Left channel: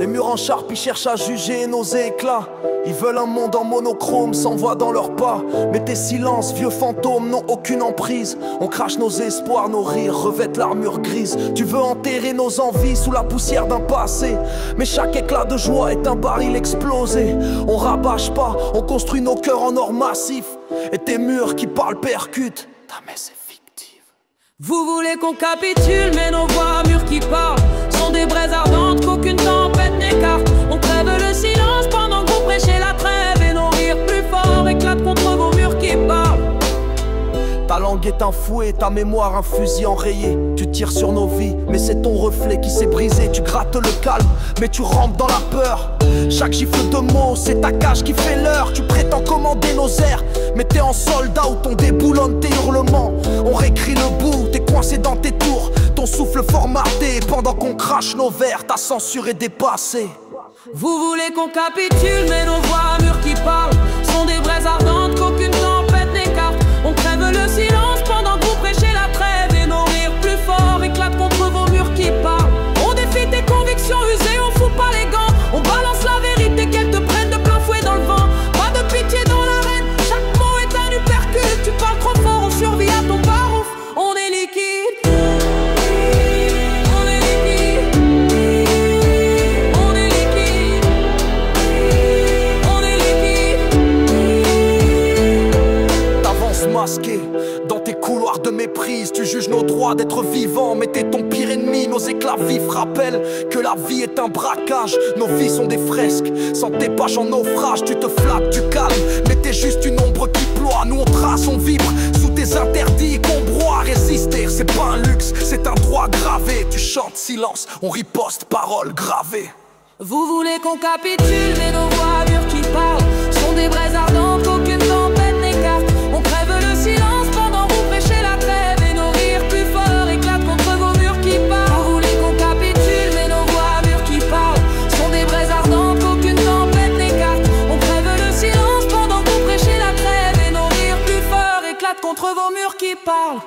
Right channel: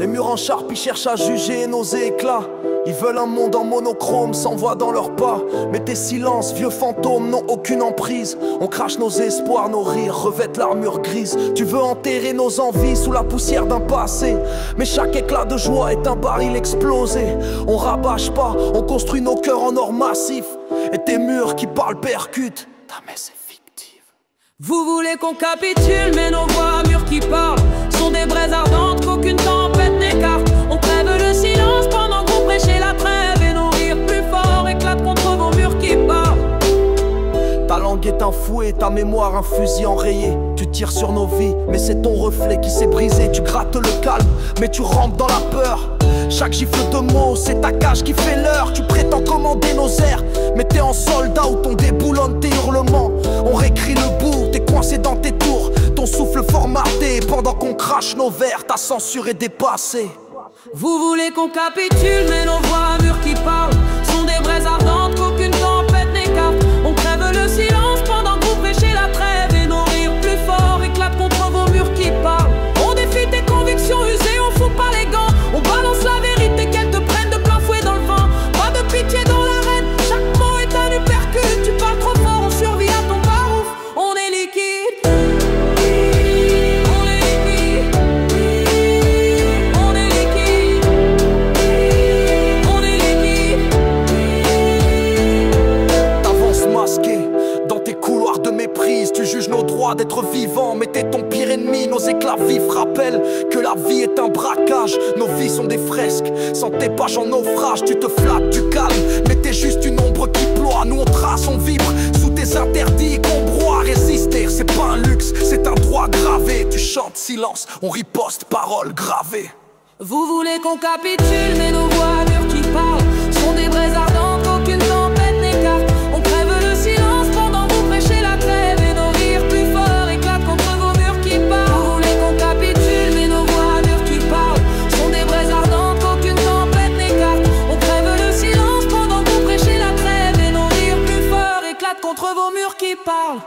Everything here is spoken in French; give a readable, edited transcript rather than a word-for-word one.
Les murs en charpie cherchent à juger nos éclats. Ils veulent un monde en monochrome, sans voix dans leurs pas. Mais tes silences, vieux fantômes, n'ont aucune emprise. On crache nos espoirs, nos rires revêtent l'armure grise. Tu veux enterrer nos envies sous la poussière d'un passé. Mais chaque éclat de joie est un baril explosé. On rabâche pas, on construit nos cœurs en or massif. Et tes murs qui parlent percutent. Ta messe est fictive. Vous voulez qu'on capitule, mais nos voix murs qui parlent sont des braises ardentes qu'aucune tempête n'écarte. On crève le silence pendant que vous prêchez la trêve. Et nos rires plus forts éclatent contre vos murs qui parlent. Ta langue est un fouet, ta mémoire un fusil enrayé. Tu tires sur nos vies, mais c'est ton reflet qui s'est brisé. Tu grattes le calme, mais tu rampes dans la peur. Chaque gifle de mots, c'est ta cage qui fait l'heure. Tu prétends commander nos airs, mais t'es en soldat où ton déboulonne tes hurlements. On réécrit le bout, t'es coincé dans tes tours. Ton souffle formaté, pendant qu'on crache nos verres. Ta censure est dépassée. Vous voulez qu'on capitule, mais nos voix murs qui parlent sont des braises ardentes qu'aucune tempête n'écarte. On crève le silence pendant que vous prêchez la trêve. Et nos rires plus forts éclatent contre vos murs qui parlent. On défie tes convictions usées, on fout pas les gants. On balance la vérité qu'elle te prenne de plein fouet dans le vent. Pas de pitié dans l'arène, chaque mot est un uppercut. Tu parles trop fort, on survit à ton barouf. On est liquide. On est liquide. On est liquide. On est liquide. T'avances masqué dans tes couloirs de méprise. Tu juges nos droits d'être vivants, mais t'es ton pire ennemi. Nos éclats vifs rappellent que la vie est un braquage. Nos vies sont des fresques, sans tes pages en naufrage. Tu te flattes du calme, mais t'es juste une ombre qui ploie. Nous on trace, on vibre sous tes interdits qu'on broie. Résister, c'est pas un luxe, c'est un droit gravé. Tu chantes silence, on riposte, paroles gravées. Vous voulez qu'on capitule, mais nos voix murs qui parlent sont des braises ardentes qu'aucune tempête n'écarte. On crève le silence pendant que vous prêchez la trêve. Et nos rires plus forts éclatent contre vos murs qui parlent. Vous voulez qu'on capitule, mais nos voix murs qui parlent sont des braises ardentes qu'aucune tempête n'écarte. On crève le silence pendant que vous prêchez la trêve. Et nos rires plus forts éclatent contre vos murs qui parlent.